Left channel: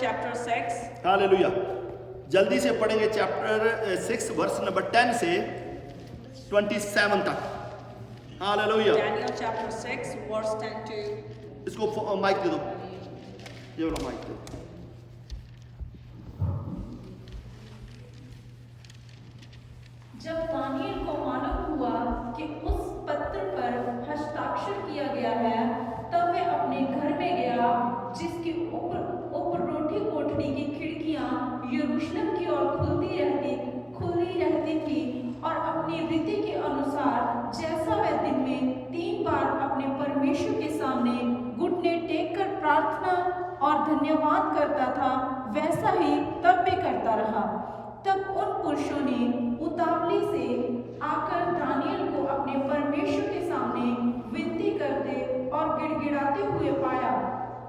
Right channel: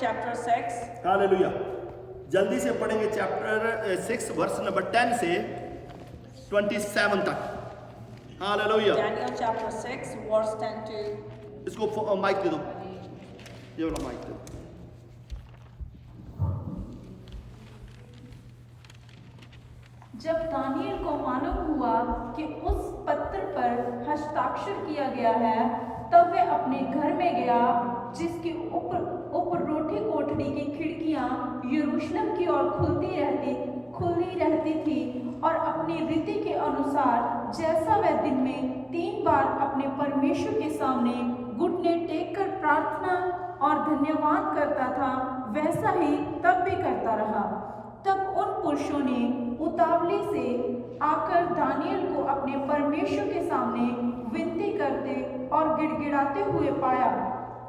chapter 6. Hallelujah. जल्दी से पढ़ेंगे चैप्टर 6 वर्स नंबर 10 से 27 तक। Hallelujah. Daniel chapter 6, verse 10 to. इसको माइक दे दो, ये वाला माइक दे दो। जब दानियल को मालूम हुआ कि उस पत्र पर हस्ताक्षर किया गया है, तब वह अपने घर में गया, जिसके ऊपर रोटी कोठरी की खिड़कियां यरूशलेम की ओर खुली रहती थी, और अपनी रीति के अनुसार जैसा वह दिन में 3 बार अपने परमेश्वर के सामने घुटने टेक कर प्रार्थना और धन्यवाद करता था, वैसा ही तब भी करता रहा। तब उन पुरुषों ने उतावली से आकर दानियल को अपने परमेश्वर के सामने विनती करते और गिड़गिड़ाते हुए पाया।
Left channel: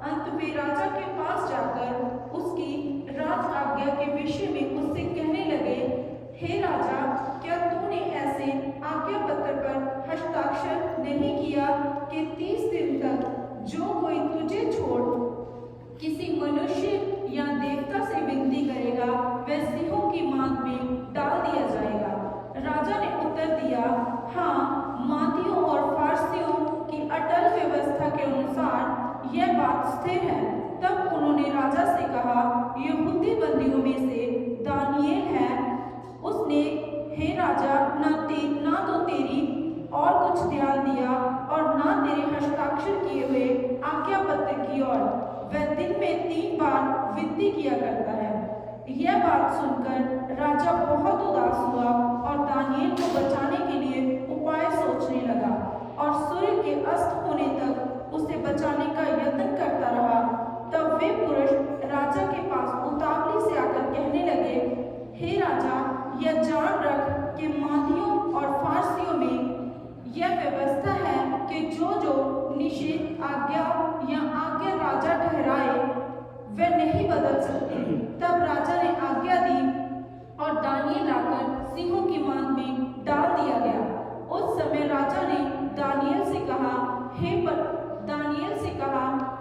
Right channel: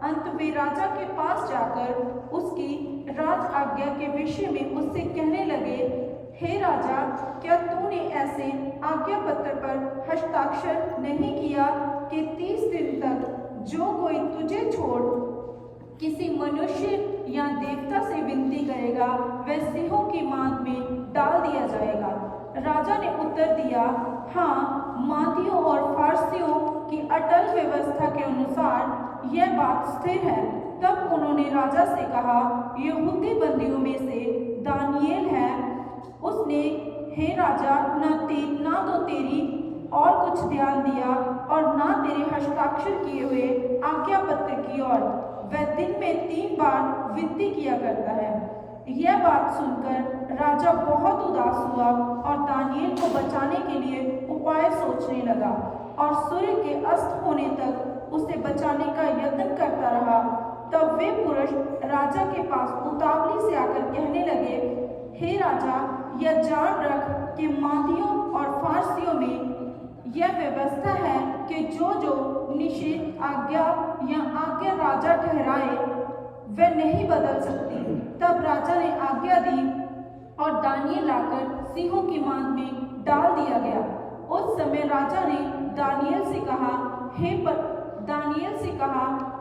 अंत में राजा के पास जाकर उसकी राज आज्ञा के विषय में उससे कहने लगे, हे राजा, क्या तूने ऐसे आज्ञा पत्र पर हस्ताक्षर नहीं किया कि 30 दिन तक जो कोई तुझे छोड़ किसी मनुष्य या देवता से विनती करेगा, वह सिंहों की मांद में डाल दिया जाएगा? राजा ने उत्तर दिया, हाँ, मादियों और फारसियों की अटल व्यवस्था के अनुसार यह बात स्थिर है। तब उन्होंने राजा से कहा, यहूदी बंदियों में से दानियेल है। उसने, हे राजा, ना तो तेरी और कुछ ध्यान दिया और ना तेरे हस्ताक्षर किए हुए आज्ञा पत्र की ओर। वह दिन में 3 बार विनती किया करता है। यह बात सुनकर राजा बहुत उदास हुआ और दानियेल को बचाने के लिए उपाय सोचने लगा, और सूर्य के अस्त होने तक उसे बचाने का यत्न करता रहा। तब वे पुरुष राजा के पास उतावली से आकर कहने लगे, हे राजा, यह जान रख कि मादियों और फारसियों में यह व्यवस्था है कि जो निषेध आज्ञा या आज्ञा राजा ठहराए, वह नहीं बदल सकती। तब राजा ने आज्ञा दी और दानियेल लाकर सिंहों की मांद में डाल दिया गया। उस समय राजा ने दानियेल से कहा,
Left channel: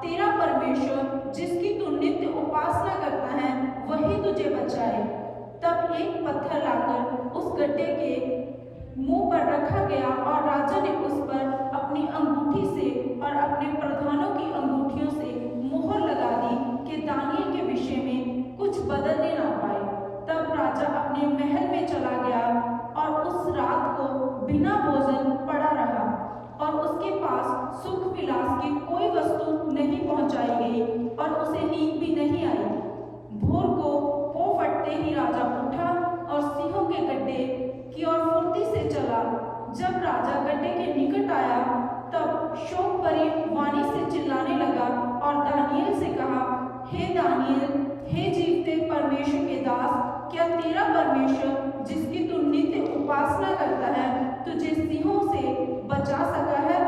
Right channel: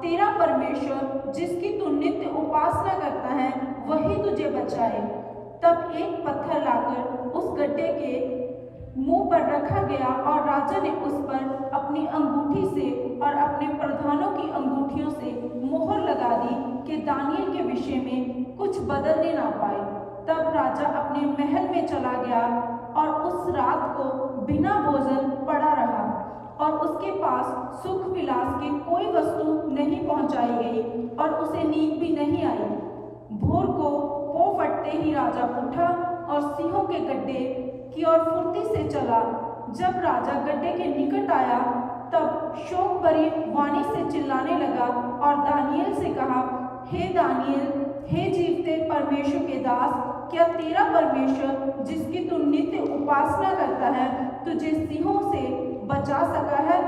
तेरा परमेश्वर जिसकी तू नित्य उपासना करता है, वही तुझे बचाए। तब एक पत्थर लाकर उस गड्ढे के मुंह पर रखा गया, और राजा ने उस पर अपनी अंगूठी से और अपने प्रधानों की अंगूठियों से मोहर लगा दी कि दानियेल के विषय में कुछ बदलने ना पाए। तब राजा अपने महल में चला गया और उस रात को बिना भोजन पड़ा रहा, और उसके पास सुख विलास की कोई वस्तु नहीं पहुंचाई गई, और उसे नींद भी नहीं आई। भोर को पौ फटते ही राजा उठा और सिंहों के गड्ढे की ओर फुर्ती से चला। जब राजा गड्ढे के निकट आया, तब शोक भरी वाणी से चिल्लाने लगा और दानियेल से कहा, हे दानियेल, हे जीवते परमेश्वर के दास, क्या तेरा परमेश्वर जिसकी तू नित्य उपासना करता है, तुझे सिंहों से बचा सका है?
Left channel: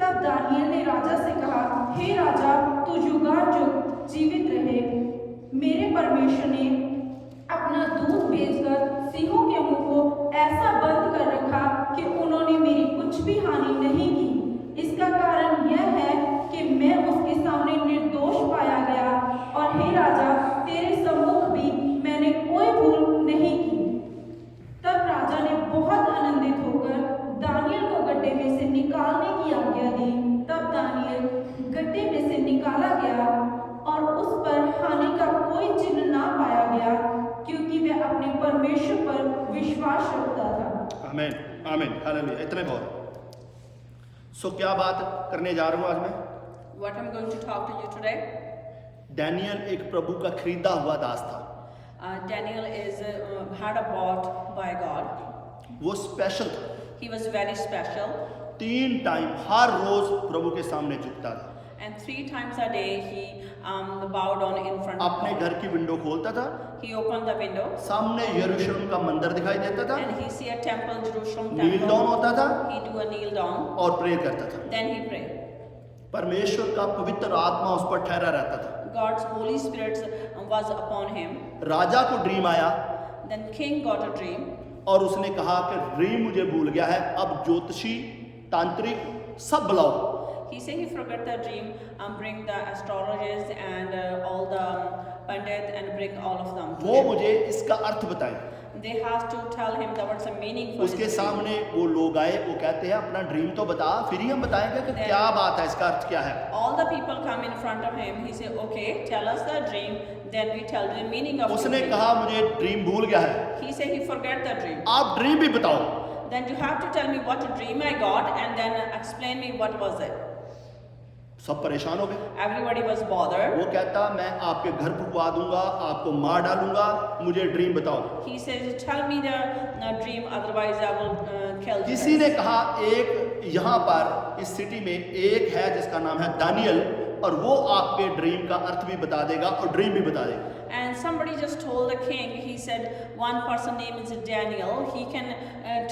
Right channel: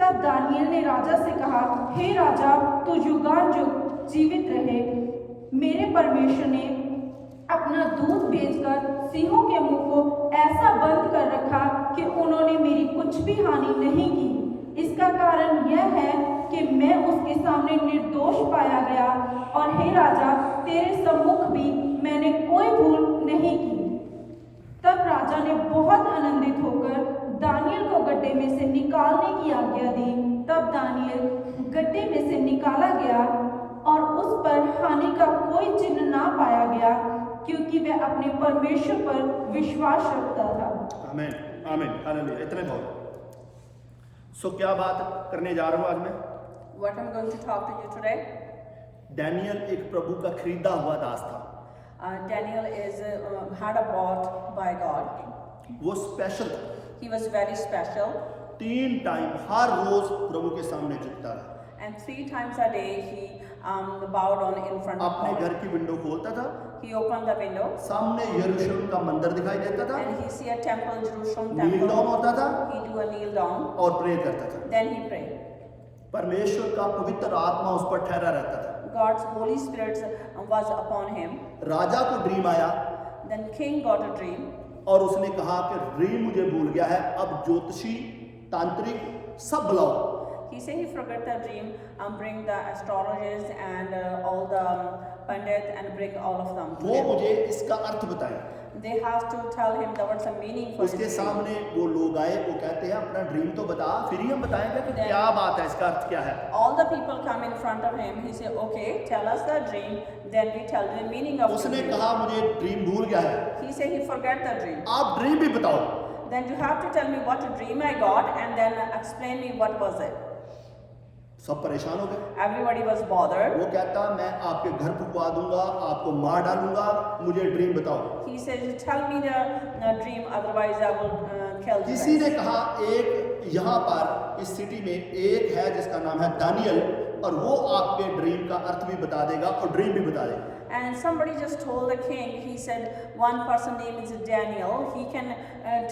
तब दानियेल ने राजा से कहा, हे राजा, तू युगानुयुग जीवित रहे। मेरे परमेश्वर ने अपना दूत भेजकर सिंहों के मुंह को ऐसा बंद कर रखा कि उन्होंने मेरी कुछ भी हानि नहीं की। इसका कारण यह है कि मैं उसके सामने निर्दोष पाया गया, और हे राजा, तेरे सम्मुख भी मैंने कोई भूल नहीं की। तब राजा ने बहुत आनंदित होकर दानियेल को गड्ढे में से निकालने की आज्ञा दी। तब दानियेल गड्ढे में से निकाला गया, और उस पर हानि का कोई चिन्ह ना पाया गया, क्योंकि वह अपने परमेश्वर पर विश्वास रखता था। आमीन, आमीन, हालेलुया। इतने बहुत। सो क्या बात करने जा रहा हूं आज मैं? What I'm going to talk to you today. Daniel एक प्रभु का खरीदा हुआ दास था। Daniel is had a bought by God. वो स्पेशल था। He was very special, 3 time हर रोज प्रभु के सामने झुकता था। and 3 times a day he bowed on in front of अपने God. घर की विंडो खोलता था, He opened the window सामने यरूशलेम का मंदिर दिखाई देता था, and he see a temple, Jerusalem kneel down temple. होता था He do a kneel down, और प्रेयर करता था। then he pray. परमेश्वर का पवित्र आत्मा उस पर ठहरा रहता था। God's Holy Spirit was upon him. राजा को ड्रीम आया Then king got a dream, और उसने कहा कि ड्रीम मुझे भूल गया है, अब ज्योतिषी, तांत्रिक सब बुलाओ। He said he forgot the dream, bring the astrologers and all the pandit and bring all of them to वो him. मुझे इसका अर्थ बताएं। They have to tell him what's the meaning for his उसके dream. सामने वो लोग आए, वो कहते हैं अपना ड्रीम तो बता, फिर ही हम बताएंगे कि क्या बात है, इसका अर्थ क्या है। All the people come in front of him. He said, "Okay, tell us the dream." Then we tell the meaning of the उसने dream. कहा मुझे ड्रीम भूल गया है, He said he forgot the dream. आप ड्रीम भी बताओ। Then you have to tell me what dream I got and then explain me what was it. सब परेशान हो गए। Everybody was bothered. वो कहता मैं आपके घर फुकवा दूंगा, आपको मार डालूंगा, मुझे ड्रीम बताओ। He says, "Tell me the dream, otherwise I will kill you." किसी guys." ने कहा एक यहाँ पर इस सिटी में एक है जिसका नाम है दानियल, और वो आपके ड्रीम का अर्थ भी बता देगा और ड्रीम भी बता देगा। And somebody just told the king, he said, one person name is Daniel, he can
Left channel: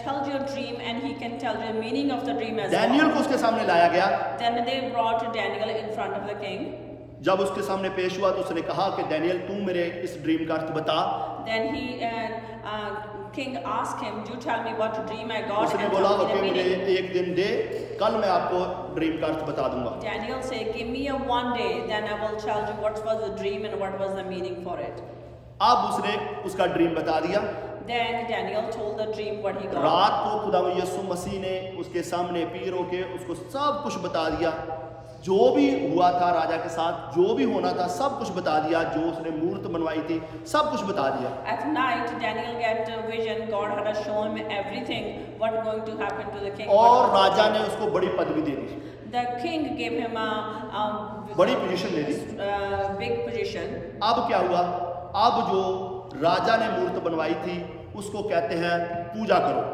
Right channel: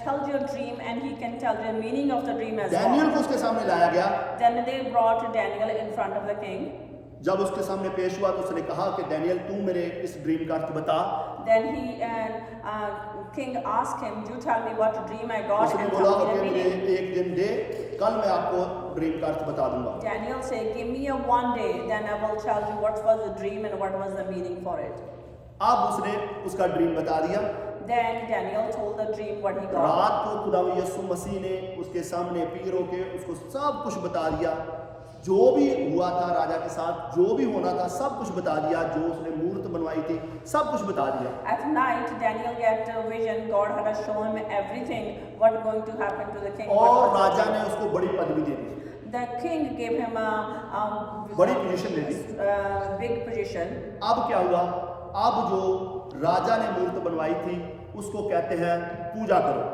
tell you a dream and he can tell you the meaning of the dream as Daniel well. को उसके सामने लाया गया। Then they brought Daniel in front of the king. जब उसके सामने पेश हुआ तो उसने कहा कि डैनियल तू मेरे इस ड्रीम का अर्थ बता। Then king asked him, "You tell me what dream I got उसने and बोला tell me ओके the मुझे meaning." एक दिन दे, कल मैं आपको ड्रीम का अर्थ बता दूंगा। Daniel said, "Give me a one day, then I will tell you what was the dream and what was the meaning for it." अब उसने उसका ड्रीम बता दिया। Then Daniel told the dream what he got. रात को खुदा यीशु मसीह ने उसके सामने पीर होके उसको सब कुछ बता दिया, जो भी हुआ था राजा के साथ, जो भी होना था सब कुछ बता दिया, जो उसने मूर्त बनवाई थी सब कुछ बता दिया। At night, Daniel get a vision. God had shown him everything what going to happen to the king. और राजा ने उसको बड़ी पदवी दे दी, The king gave him a बड़ी पोजीशन दे दी। big position. अब क्या हुआ, अब जो राजा ने मूर्त बनवाई थी उसको कहते हैं पूजा करो।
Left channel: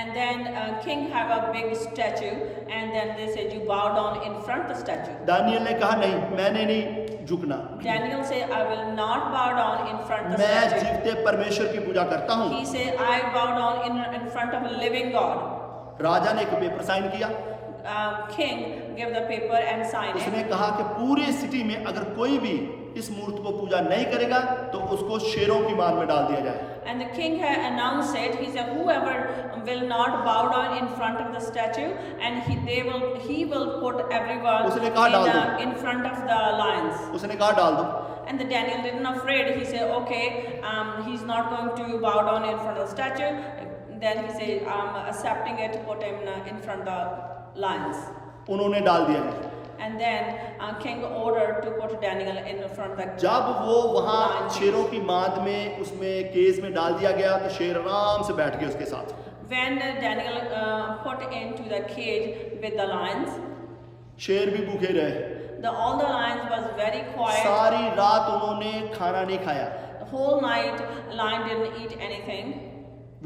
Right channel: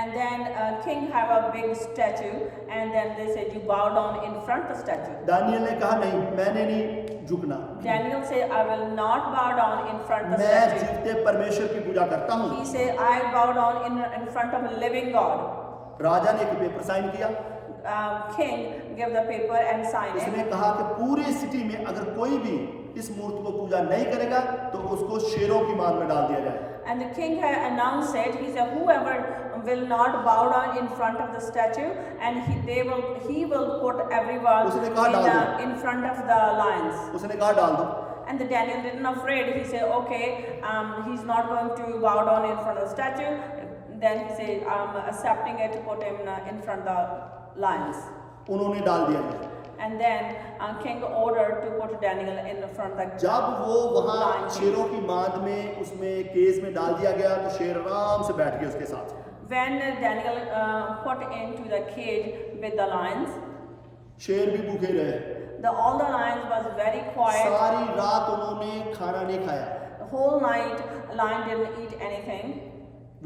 And then king have a big statue, and then they said you bow down in front of the statue. Daniel ने कहा नहीं, मैंने नहीं झुकना, Daniel said, "I will not bow down in front of the मैं statue." जीवते परमेश्वर की पूजा करता हूँ। He said, "I bow down in front of a living God." राजा ने एक पेपर साइन किया। King gave the paper and signed उसने it. कहा कि पूरी सिटी में अगर कोई भी इस मूर्त को पूजा नहीं करेगा तो उसको शेरों की मार में डाल दिया जाए। And the king had announced it. He said, "Whoever will not bow down in front of the statue, and he will put everyone उसने कहा डाल दो। in front of the lions." उसने कहा डाल दो। And the Daniel didn't afraid. He said, "Okay, he's not going to bow down in front of the statue." Then he said, "I'm accepting it. Put him in front of the lions." उन्होंने डाल दिया। And then king ordered to put Daniel in front of the जब वो वहां lion. शेरों की माद में उसमें केज में डाल दिया गया तो शेर आराम से बैठ गए उसके साथ। When Daniel put into the cage with the lions, शेर भी भूखे रहे, all the lions was very quiet. सारी रात उन्होंने खाना नहीं खाया, The whole night, lion didn't eat anything.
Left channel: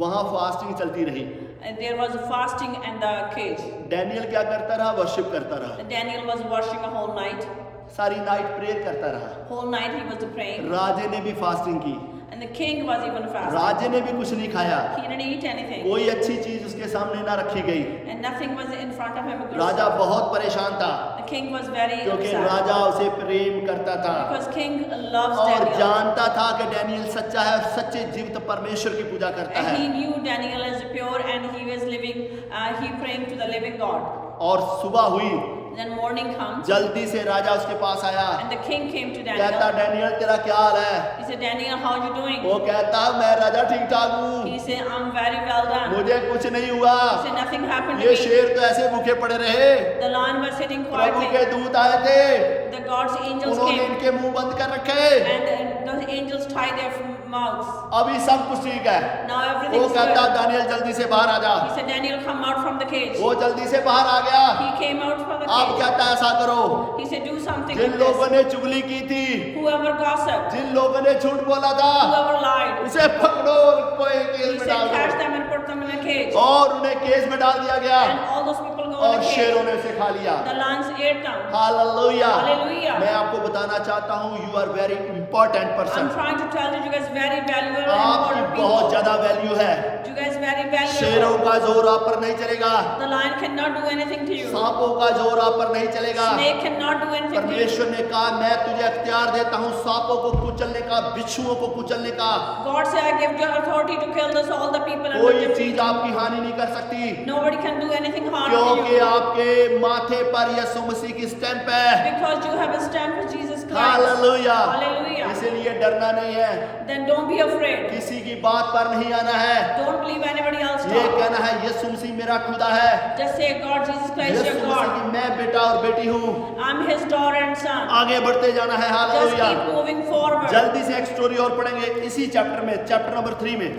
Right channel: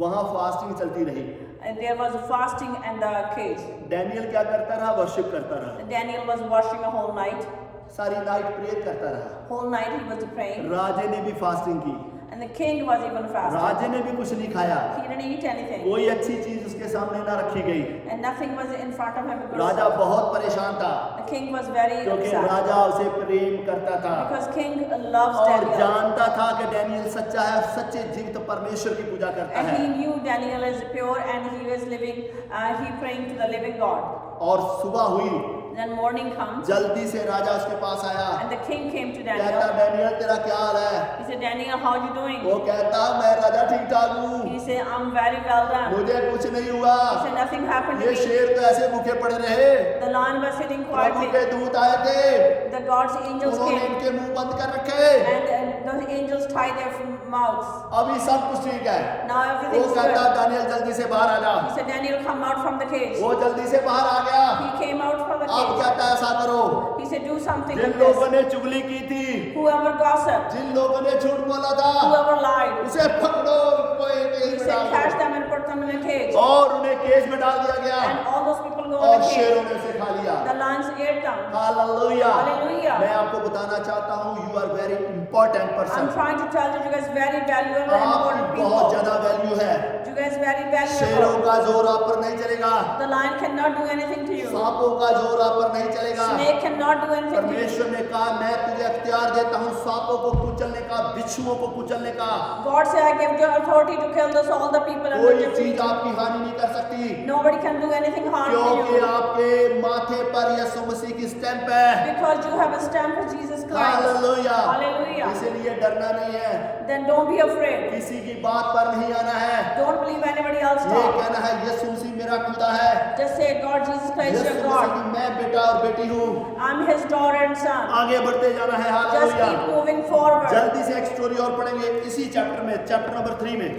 वहां फास्टिंग चलती रही। And there was fasting in the cage. Daniel क्या करता रहा, वर्शिप करता रहा, Daniel was washing a whole night. सारी नाइट प्रेयर करता रहा। Whole night he was praying. राजे ने भी फास्टिंग की, And the king was even fasting. राजे ने भी कुछ नहीं खाया, He didn't eat anything. कोई अच्छी चीज उसके सामने ना रखी गई। And nothing was in front of him. Because राजा बहुत परेशान था the king was very क्योंकि upset. राजा उसे प्रेम करता था Because king loves और Daniel. जानता था कि डैनियल सच्चा है और सच्चे जीवित परमेश्वर की पूजा करता And है। he knew Daniel is pure and he was living, he praying to the living God. और सुबह हुई, Then morning comes जल्दी से राजा उसके पास आया, and the king came to कहता Daniel. डैनियल तेरा क्या हाल है? He said, "Daniel, how you doing?" वो कहता मैं राजा ठीक ठाक हूँ, He said, "I'm very well done." मुझे कुछ नहीं हुआ, He said, "Nothing happened to ये me." शेर तो ऐसे भूखे पड़े रहे। The lion was sitting Prabhu quietly. के दूत आए थे, The God's angels उन्होंने came इनके मुंह बंद कर रखे, and the angels tied their mouths. अभी सब कुछ ठीक है। Now वो everything's कहता good. दानियल जल्दी से बाहर आ जा। He said, "Daniel, come out from the cage." वो जल्दी से बाहर आ गया। He came out from the अब cage. कहता ऐसा करो, He said, "Do something Jin with लोगों this. ने चुगली की थी, Whoever gossiped, जिन लोगों ने झूठ बोला था, whoever lied." उसे पकड़ो और कोई He केस में said, डाल "Catch दो। them and put them in a cage." और उन्हें केस में डाल दिया गया And all those people go in और the शेरों cage. ने उसे खा लिया। The lions ate them. Hallelujah. Hallelujah. मैं आपको बताना चाहता हूँ, you are very important I'm person. trying to tell you guys very valuable and important आपकी बहुत people. ज्यादा वैल्यू है। You guys very शेरों valuable. का जोर आप पर नहीं चलेगा, The lion cannot do anything to you. सांपों का जोर आप पर नहीं चलेगा। Snake cannot do anything to you. परमेश्वर ने कहा मैं तुझे अख्तियार देता हूँ सांपों को कुचलने का, बिच्छुओं को कुचलने का, God said, "I give you authority to kill this all the people and कोई the चीज people." आपकी हानि नहीं कर सकती, Nobody can do anything harm to क्योंकि you आपके माथे पर यीशु मसीह की स्टैंप है। because you have a stamp of Jesus Christ. Hallelujah. Hallelujah. इसीलिए डरना नहीं है, Then don't be afraid. किसी की बात पर नहीं आना है, Don't believe anybody else ये talk. कहना है यीशु मसीह मेरा खुदा है, Just say, God, Jesus Christ, Yeshu your Masih God. की मैं बेटा और बेटी हूँ। I'm his daughter and son. आगे बढ़ते जाना है, Just hallelujah. keep moving forward. जल्दी से एक स्टोरी और पढ़ेंगे इसी चैप्टर में, चैप्टर नंबर 3 में।